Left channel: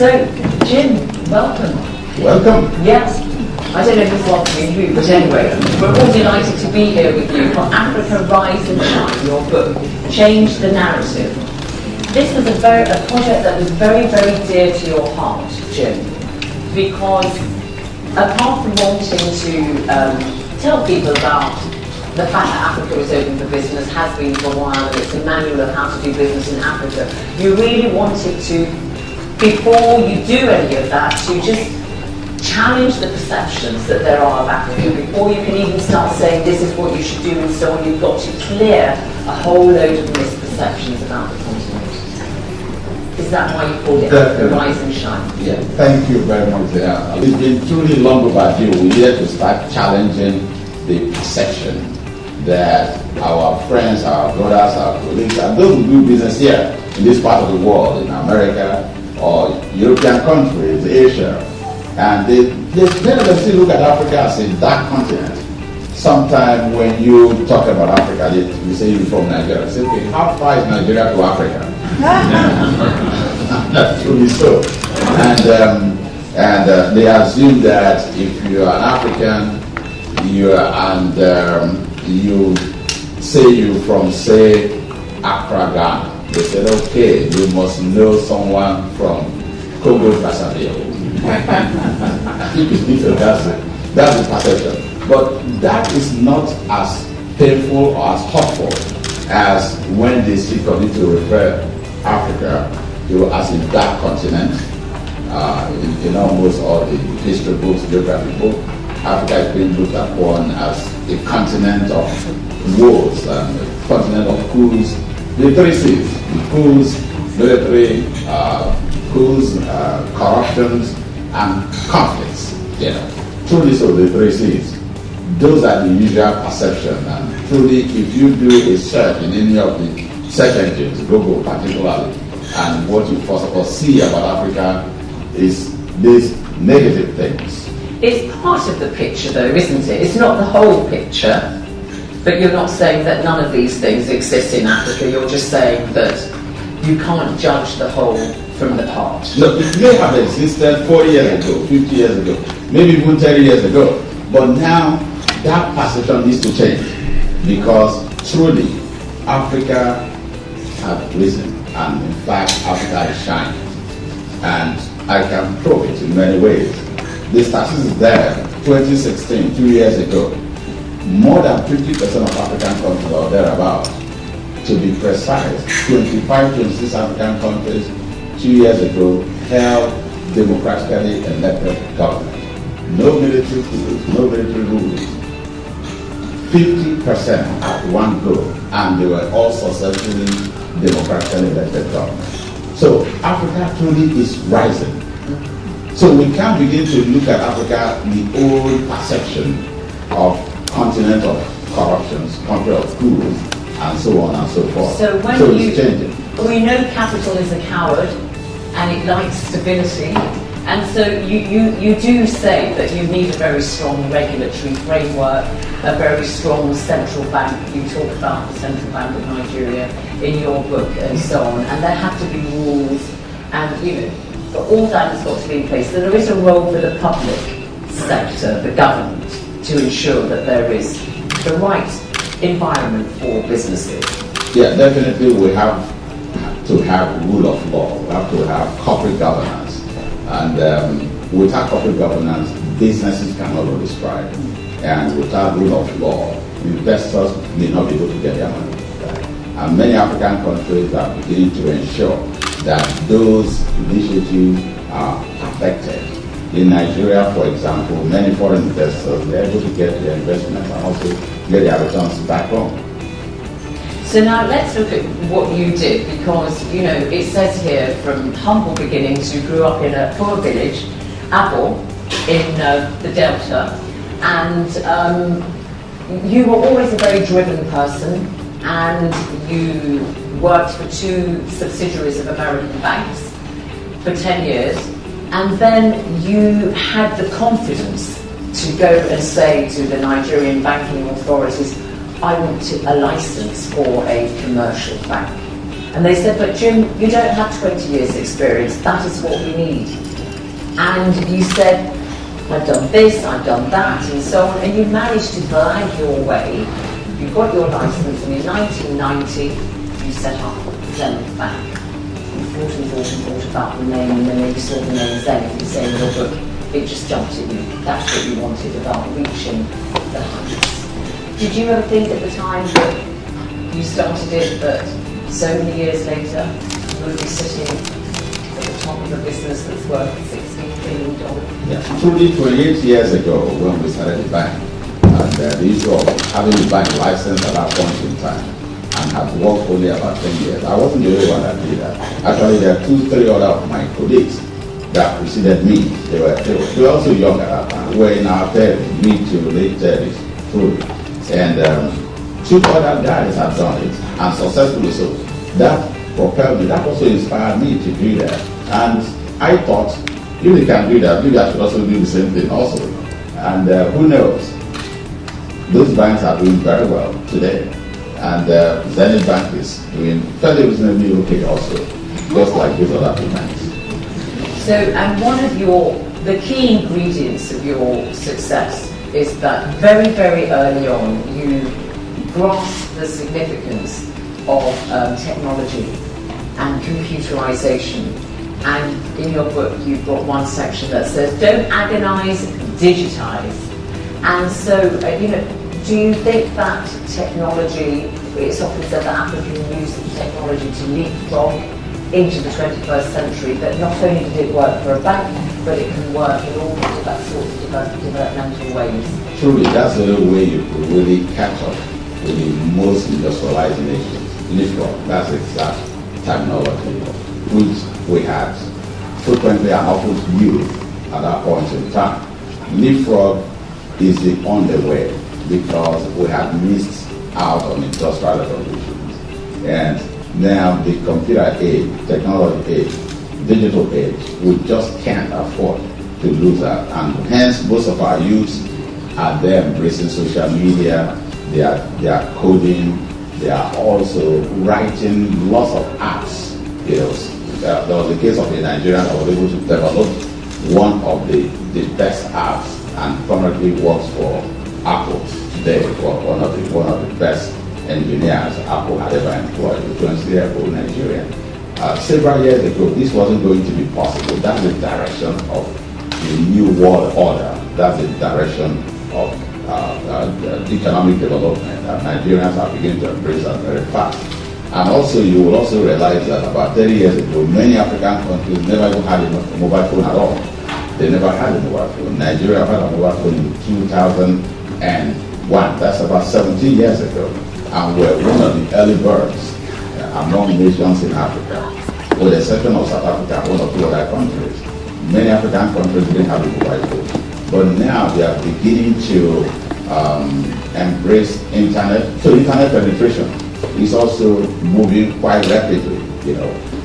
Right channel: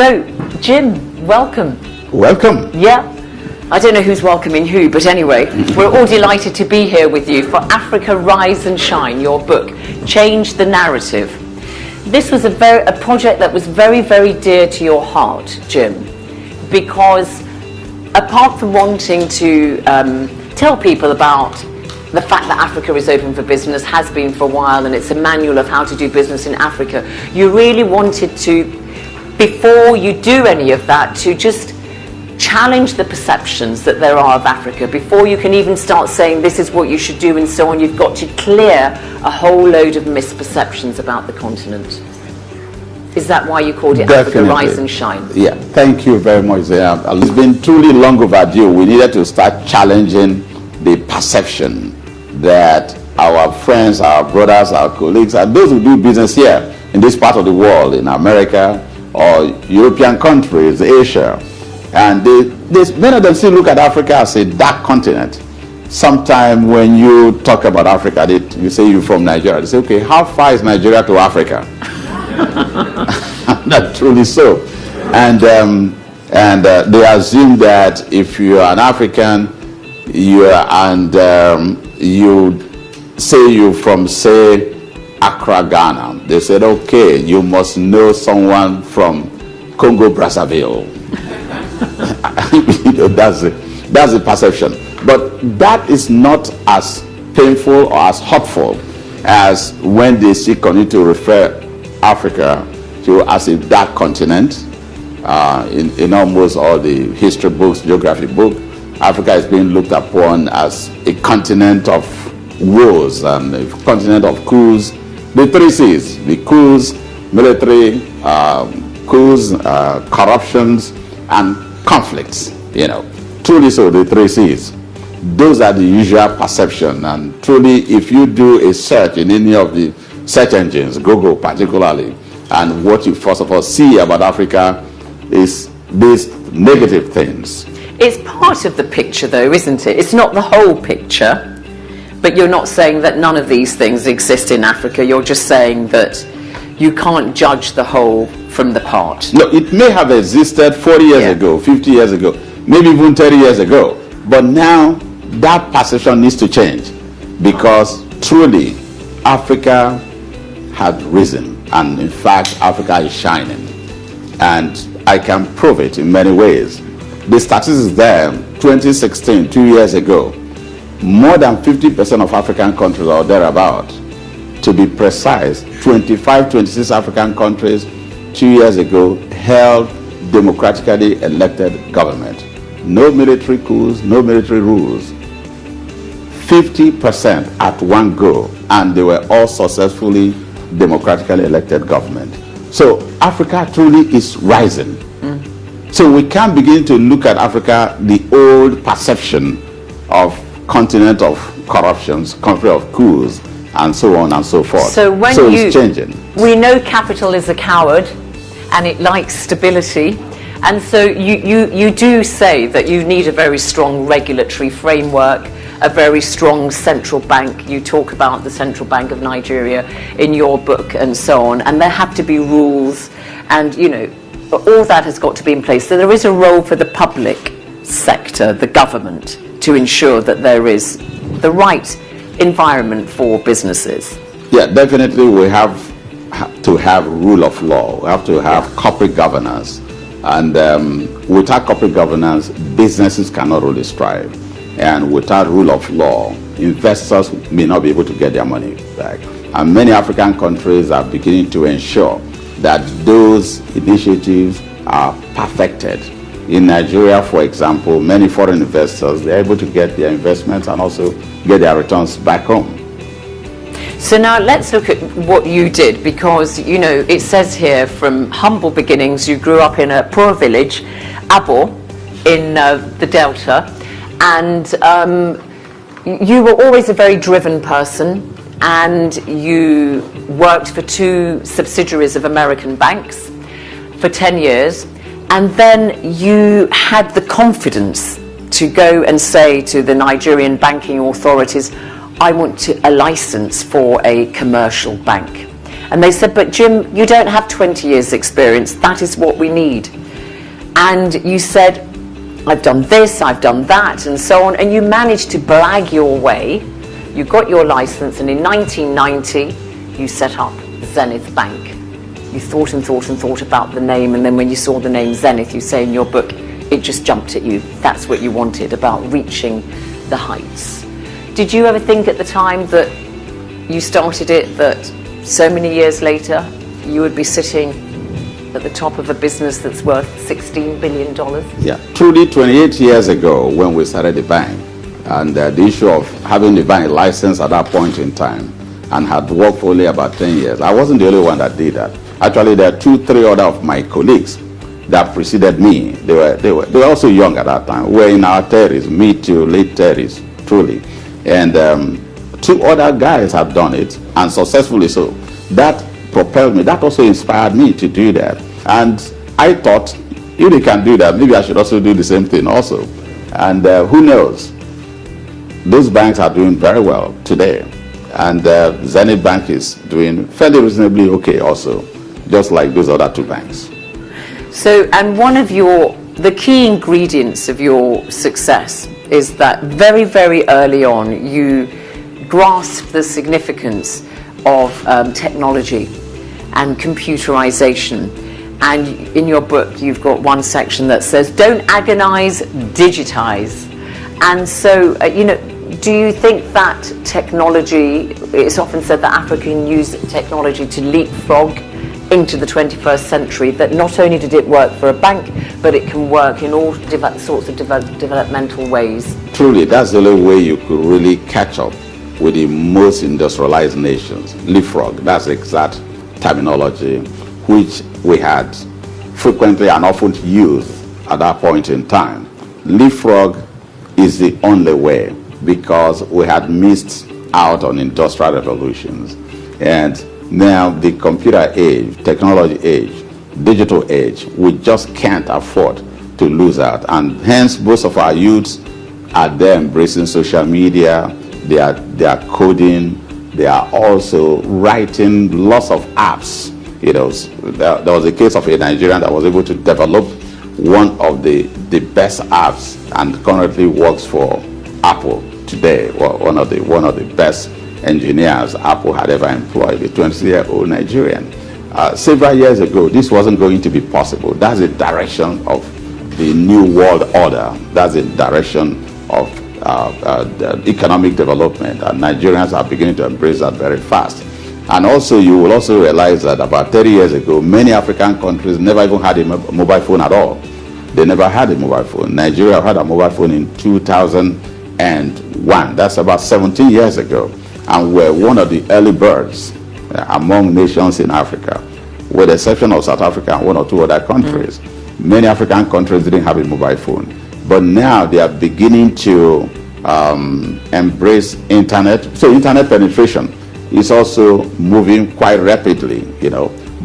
So, Jim, welcome. Welcome. Yes. I don't know who's welcoming who, but anyway, we're all delighted to be here with you for Africa Rise and Shine, your book, Change the Narrative. This was a project that was very, very dear to your heart, Jim, because apart from wanting to tell people about the fact that Africa is open for business, has been for a while, and it's a manual of how to do business in Africa, you really wanted to, before you do any of that, to just challenge the perceptions that there are of Africa. Before you can even start saying this is what you should do and so on, you've got to clear a whole load of misperceptions about the continent. Is that why you called it Africa Rise and Shine? Yeah, thank you very much. It's been truly long overdue. We needed to start challenging the perception that our friends, our brothers, our colleagues, and those who do business here in this part of the world, in America or European countries, Asia, and many of them still look at Africa as a dark continent. Sometimes when you talk about Africa, you say you're from Nigeria. They say, okay, how far is Nigeria to Africa? Not truly so. And they assume that if you are an African, you say you're from, say, Accra, Ghana. They said, okay, you must know someone from Congo Brazzaville. That's the perception. But that is not as painful or as hurtful as when they continue to refer Africa to as a dark continent. In almost all the history books, geography books, Africa is being looked upon as a continent of wars and a continent of coups. The three C's: the coups, military coups, corruptions, and conflicts. Truly so, the three C's. Those are the usual perception, and truly, if you do a search in any of the search engines, Google particularly, and what you first of all see about Africa is these negative things. It's part of the picture though, isn't it? It's not the whole picture. But you're not saying that none of these things exist in Africa, you're just saying that you can't judge the whole from the part. Look, it may have existed 40 years ago, 50 years ago, maybe even 30 years ago, but now that perception needs to change, because truly Africa has risen, and in fact Africa is shining, and I can prove it in many ways. The statistics is there. 2016, 2 years ago, more than 50% of African countries or thereabout, to be precise, 25, 26 African countries 2 years ago held democratically elected government. No military coups, no military rules. 50% at one go, and they were all successfully democratically elected government. So Africa truly is rising. So we can begin to look at Africa, the old perception of continent of corruptions, country of coups, and so on and so forth. So it's changing. We know capital is a coward, and it likes stability. And so you do say that you need a very strong regulatory framework, a very strong central bank. You talk about the Central Bank of Nigeria in your book and so on. And there have to be rules, and all that has got to be in place. So there is a role for the public sector, the government, to ensure that there is the right environment for businesses. Yeah, definitely we have to have rule of law. We have to have corporate governance. And without corporate governance, businesses cannot really strive. And without rule of law, investors may not be able to get their money back. And many African countries are beginning to ensure that those initiatives are perfected. In Nigeria, for example, many foreign investors, they're able to get their investments and also get their returns back home. So now let's look at what you did, because it says here, from humble beginnings, you grew up in a poor village, Abo, in the Delta, and you were always a very driven person, and you worked for 2 subsidiaries of American banks for 10 years, and then you had the confidence to go and say to the Nigerian banking authorities, I want a license for a commercial bank. And they said, but Jim, you don't have 20 years experience, that is what we need. And you said, I've done this, I've done that, and so on, and you managed to blag your way. You got your license, and in 1990, you set up Zenith Bank. You thought and thought and thought about the name, and then when you saw the name Zenith, you say in your book, it just jumped at you. That's what you wanted, about reaching the heights. Did you ever think at the time that you started it, that so many years later, you would be sitting at the top of a business that's worth $16 billion? Yeah, truly 28 years ago when we started the bank, and the issue of having the bank license at that point in time, and had worked for only about 10 years. I wasn't the only one that did that. Actually, there are 2-3 other of my colleagues that preceded me. They were also young at that time. We're in our 30s, mid to late 30s, truly. And 2 other guys have done it, and successfully so. That propelled me, that also inspired me to do that. And I thought, if they can do that, maybe I should also do the same thing also. And who knows? Those banks are doing very well today. And Zenith Bank is doing fairly reasonably okay also, just like those other 2 banks. So, and one of the key ingredients of your success is that very, very early on, you grasped the significance of technology and computerization. And in your book, you've got one section that says, don't agonize, digitize. And so, do you think that technology, it's often said that Africa can use technology to leapfrog into the 21st century, that not only did it work for a bank, but it can work in all sorts of developmental ways? Truly, that's the only way you could really catch up with the most industrialized nations. Leapfrog, that's the exact terminology which we had frequently and often used at that point in time. Leapfrog is the only way, because we had missed out on industrial revolutions. And now the computer age, technology age, digital age, we just can't afford to lose out. And hence, most of our youths are there embracing social media, they are coding, they are also writing lots of apps. There was a case of a Nigerian that was able to develop one of the best apps, and currently works for Apple today. Well, one of the best engineers Apple had ever employed, a 20-year-old Nigerian. Several years ago, this wasn't going to be possible. That's the direction of the new world order. That's the direction of the economic development, and Nigerians are beginning to embrace that very fast. And also, you will also realize that about 30 years ago, many African countries never even had a mobile phone at all. They never had a mobile phone. Nigeria had a mobile phone in 2001. That's about 17 years ago. And we're one of the early birds among nations in Africa, with the exception of South Africa and 1 or 2 other countries. Many African countries didn't have a mobile phone. But now they are beginning to embrace internet. So internet penetration is also moving quite rapidly.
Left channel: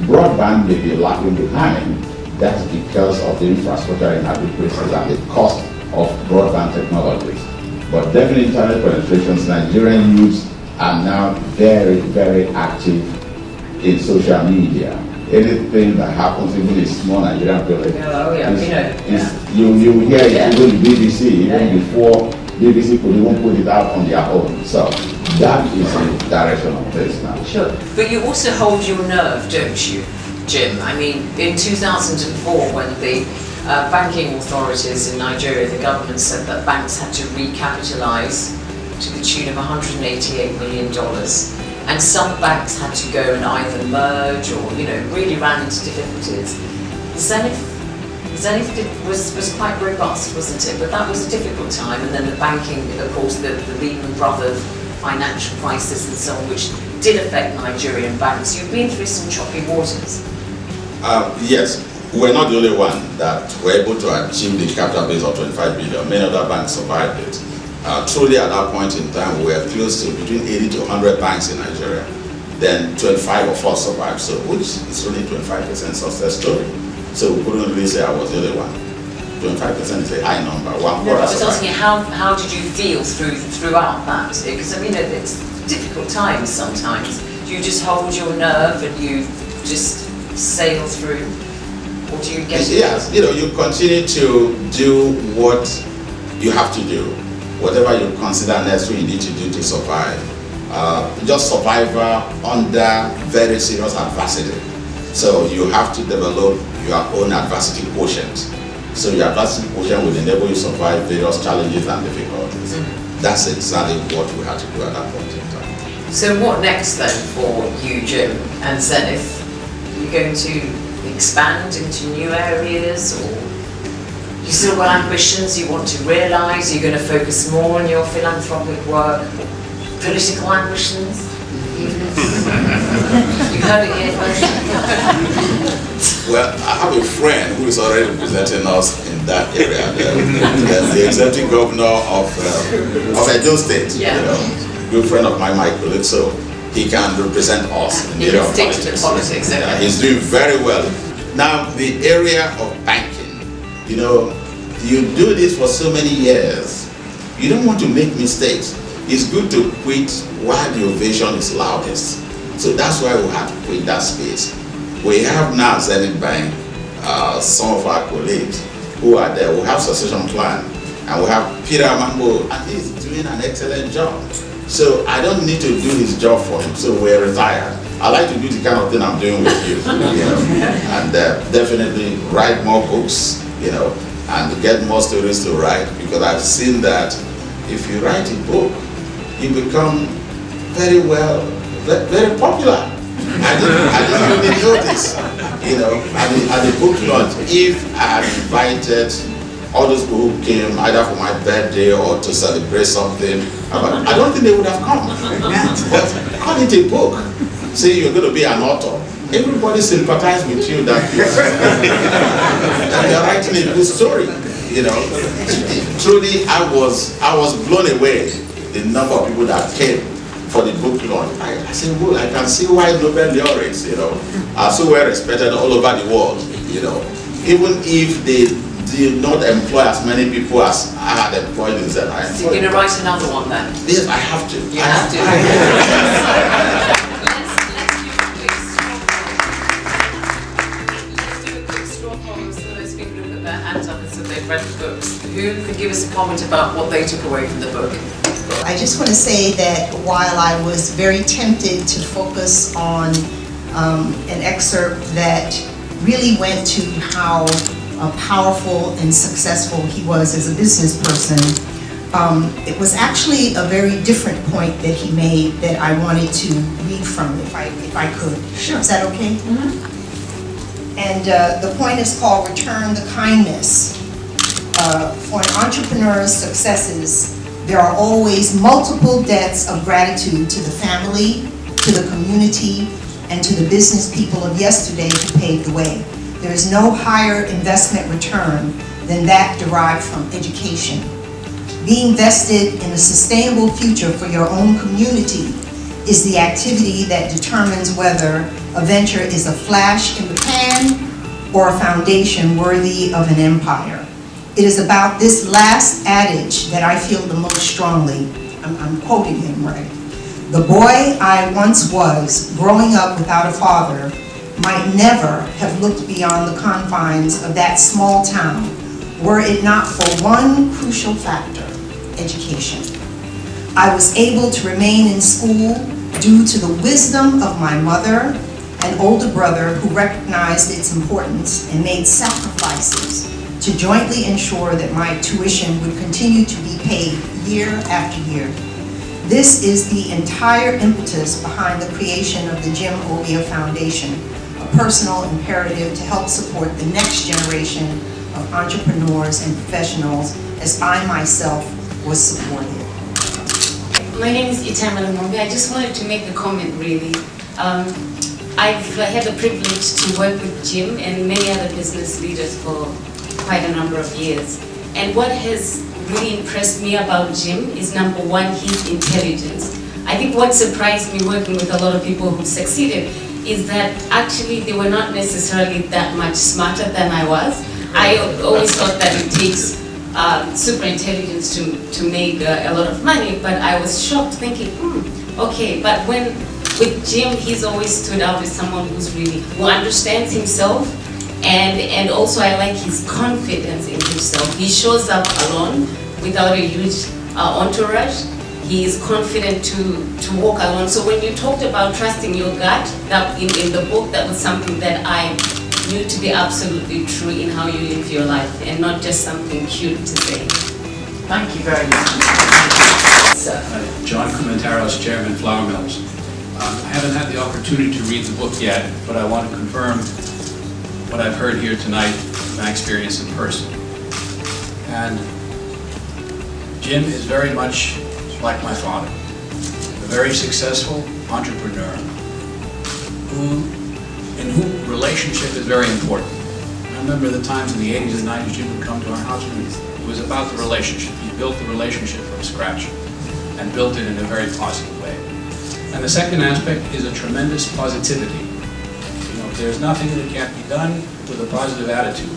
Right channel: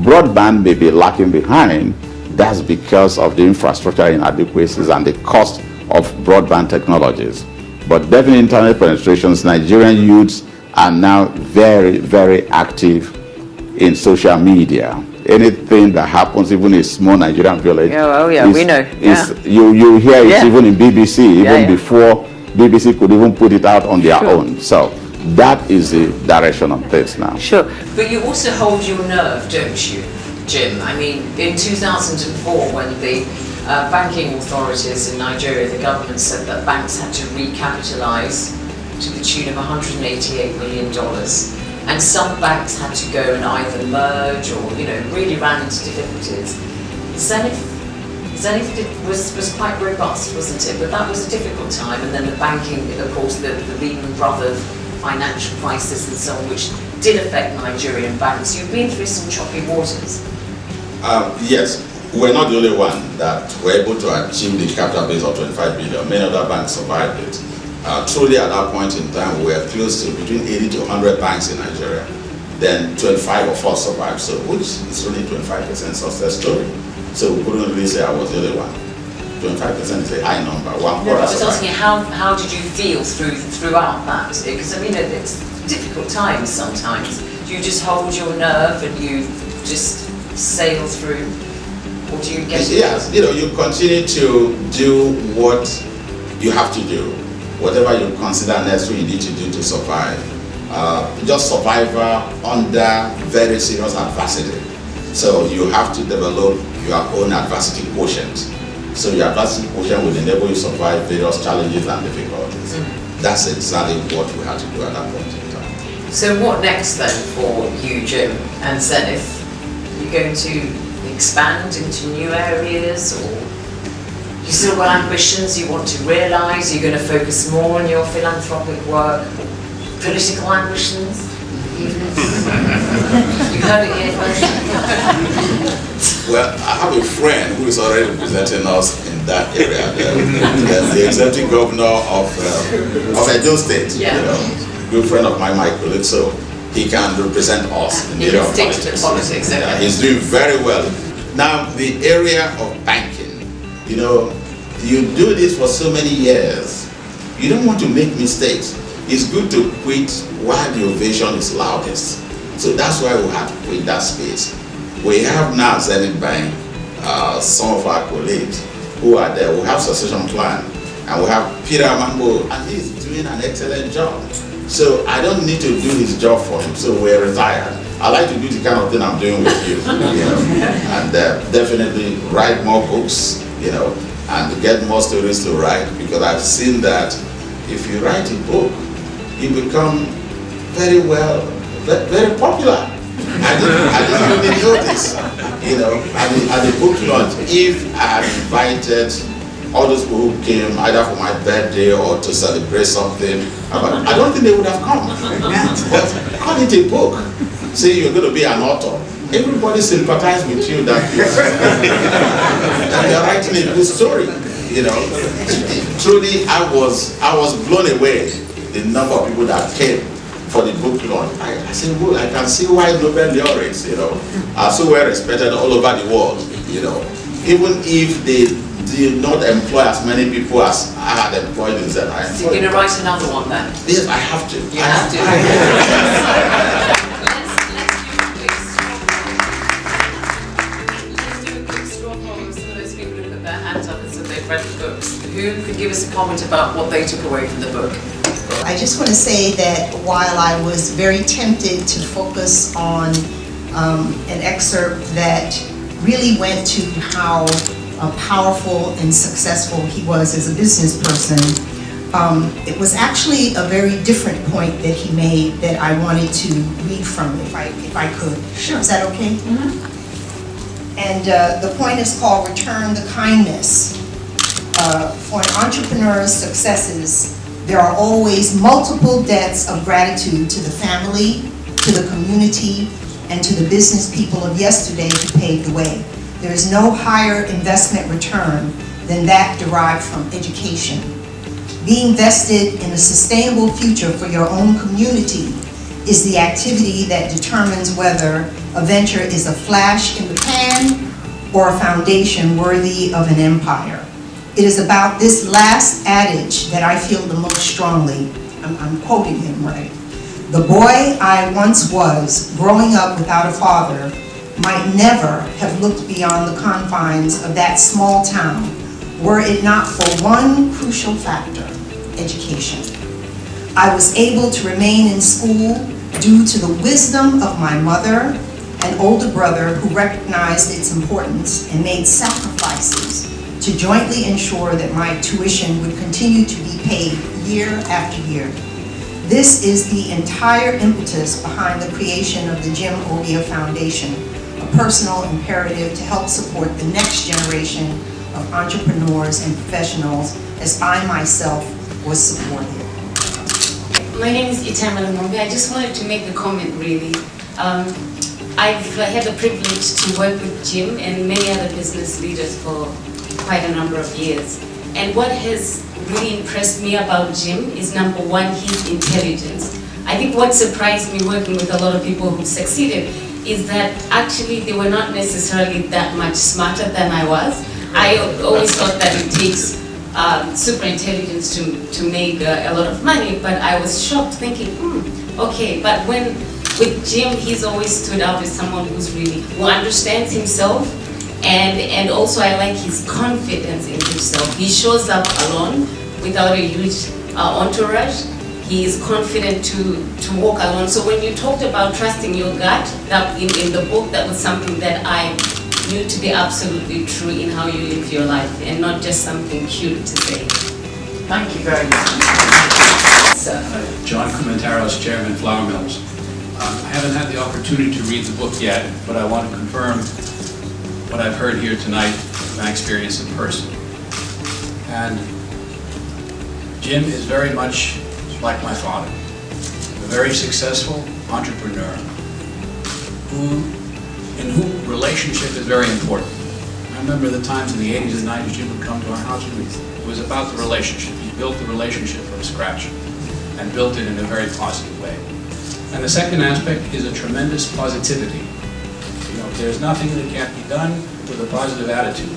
Broadband may be lagging behind. That's because of the infrastructure inadequacies and the cost of broadband technologies. But definitely internet penetrations, Nigerian youths are now very, very active in social media. Anything that happens, even in a small Nigerian village, we know. You hear it even in BBC, even before BBC could even put it out on their own. So that is the direction of things now. Sure. But you also hold your nerve, don't you, Jim? I mean, in 2004, when the banking authorities in Nigeria, the government said that banks had to recapitalize to the tune of $188 million. And some banks had to go and either merge or, really ran into difficulties. Zenith was quite robust, wasn't it? But that was a difficult time. And then the banking, of course, the Lehman Brothers financial crisis and so on, which did affect Nigerian banks. You've been through some choppy waters. Yes, we're not the only one that were able to achieve the capital base of 25 billion. Many other banks survived it. Truly at that point in time, we were close to between 80 to 100 banks in Nigeria. Then 25 of us survived, so which is only 25% success story. So we couldn't really say I was the only one. 25% is a high number. I was asking you, how did you feel throughout that? Because I mean, it's difficult times sometimes. Do you just hold your nerve and you just sail through? Or do you get... Yes, you know, you continue to do what you have to do. Whatever you consider necessary you need to do to survive. Just survivor under very serious adversity. So you have to develop your own adversity quotient. So your adversity quotient will enable you to survive various challenges and difficulties. That's exactly what we had to do at that point in time. So what next then for you, Jim, and Zenith? Are you going to expand into new areas, or you still got ambitions you want to realise? Are you going to focus more on your philanthropic work? Political ambitions? You heard it here first. Well, I have a friend who is already representing us in that area. The executive governor of Edo State, Yeah. you know, good friend of mine, Mike Bullet, so he can represent us in the He area can of stick politics. to politics, okay. Yeah, he's doing very well. Now, the area of banking, you know, you do this for so many years, you don't want to make mistakes. It's good to quit while the ovation is loudest. So that's why we had to quit that space. We have now Zenith Bank, some of our colleagues who are there. We have succession plan, and we have Peter Mambo, and he's doing an excellent job. So I don't need to do his job for him, so we're retired. I like to do the kind of thing I'm doing with you, you know, and definitely write more books, you know, and get more stories to write, because I've seen that if you write a book, you become very very popular. I didn't really know this, you know, at the book launch. If I had invited all those people who came either for my birthday or to celebrate something, I don't think they would have come. But call it a book. Say you're going to be an author. Everybody sympathizes with you that you're writing a good story. You know, truly, I was blown away the number of people that came for the book launch. I said, well, I can see why Nobel laureates, you know, are so well respected all over the world. You know, even if they did not employ as many people as I had employed in Zen. So you're going to write another one then? Yes, I have to. You have to. Let's do a quick straw poll of some of those people who put their hands up and said they've read the books. Who could give us a comment about what they took away from the book? I just want to say that while I was very tempted to focus on an excerpt that really went to how powerful and successful he was as a business person, it was actually a very different point that he made that I wanted to read from, if I could. Sure. Is that okay? Mm-hmm. And the point is called Return the Kindness. For an entrepreneur's successes, there are always multiple debts of gratitude to the family, to the community, and to the business people of yesterday who paved the way. There is no higher investment return than that derived from education. Being vested in a sustainable future for your own community is the activity that determines whether a venture is a flash in the pan or a foundation worthy of an empire. It is about this last adage that I feel the most strongly. I'm quoting him, right? The boy I once was, growing up without a father, might never have looked beyond the confines of that small town were it not for one crucial factor, education. I was able to remain in school due to the wisdom of my mother and older brother who recognized its importance and made sacrifices to jointly ensure that my tuition would continue to be paid year after year. This is the entire impetus behind the creation of the Jim Ovia Foundation, a personal imperative to help support the next generation of entrepreneurs and professionals as I myself was supported. My name is Itamala Mombe. I just wanted to make a comment really. I've had the privilege to work with Jim and many other business leaders for quite a number of years. And what has really impressed me about Jim is, number one, his intelligence. I think what surprised me working with a lot of people who succeeded is that actually they were not necessarily that much smarter than I was. I always thought that it takes super intelligence to make a lot of money, but I was shocked thinking, okay, but when with Jim, he's always stood out as someone who understands himself, and also I like his confidence in himself. He shows up alone without a huge entourage. He is confident to walk alone. So when you talked about trusting your gut, that in the book, that was something that I knew to be absolutely true in how you live your life, and not just something cute to say. Thank you very much. Sir. John Comentaros, Chairman, Flour Mills. I haven't had the opportunity to read the book yet, but I want to confirm what I've heard here tonight, my experience in person. And Jim is very much like my father, a very successful entrepreneur in whom relationship is very important. I remember the times in the 80s and 90s Jim would come to our house and it was about the relationship. He built the relationship from scratch and built it in a very positive way. And the second aspect is a tremendous positivity. You know, there's nothing that can't be done with a positive attitude.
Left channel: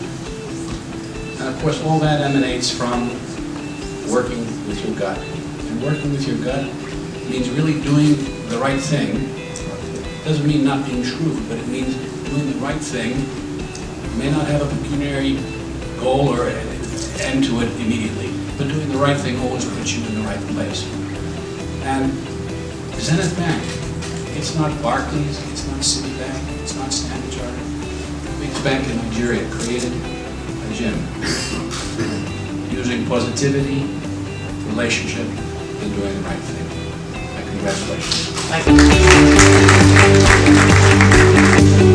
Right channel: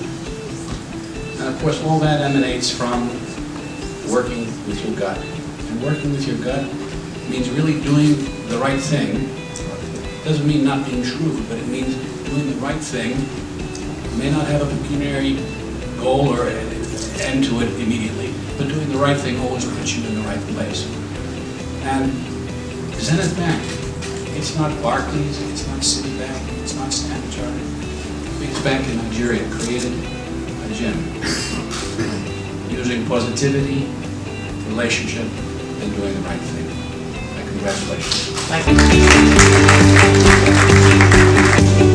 And of course, all that emanates from working with your gut. And working with your gut means really doing the right thing. It doesn't mean not being shrewd, but it means doing the right thing. You may not have a pecuniary goal or end to it immediately, but doing the right thing always puts you in the right place. And Zenith Bank, it's not Barclays, it's not Citibank, it's not Standard Chartered. The biggest bank in Nigeria, created by Jim, using positivity, relationship, and doing the right thing. My congratulations. Thank you.